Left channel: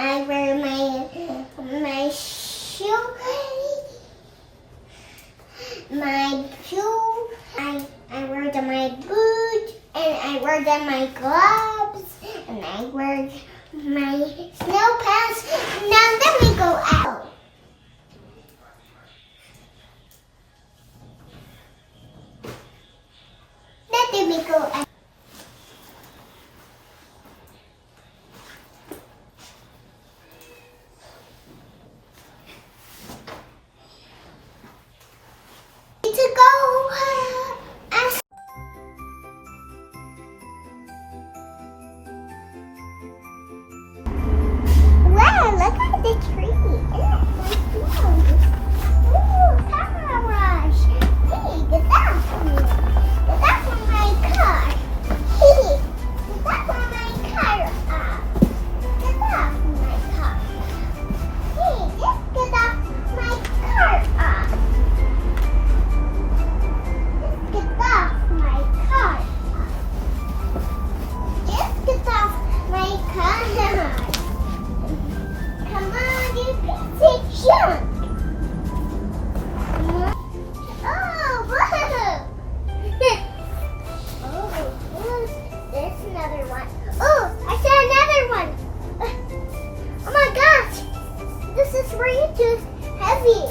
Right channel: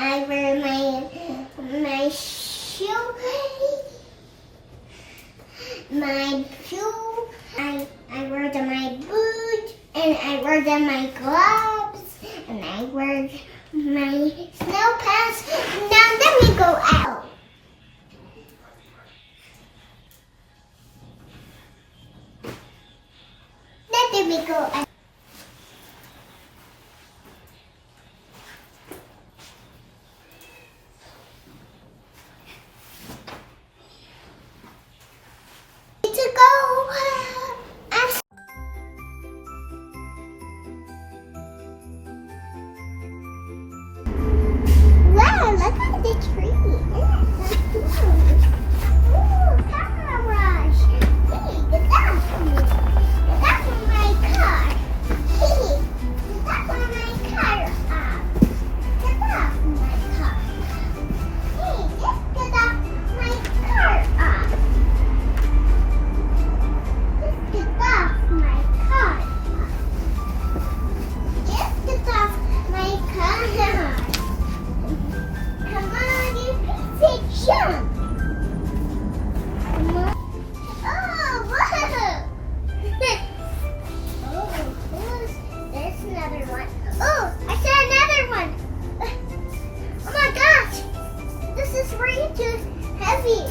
I wear my shoe, I wear my boots, and I wear my gloves, and I wear my snow pants. Now let me go out. Let me go out. To go. Wow, look at the tree. Ooh, car wash. Hey, get that from me. Get that from my car. Hey, get that from my car. Get that from my car. Hey, just get that from my car. Get off my car. Just get off my car. Come on, you piece of junk. Come on. Oh, whoa. Oh, there's another one. Oh, I saw another one. Oh my gosh. This is way too heavy.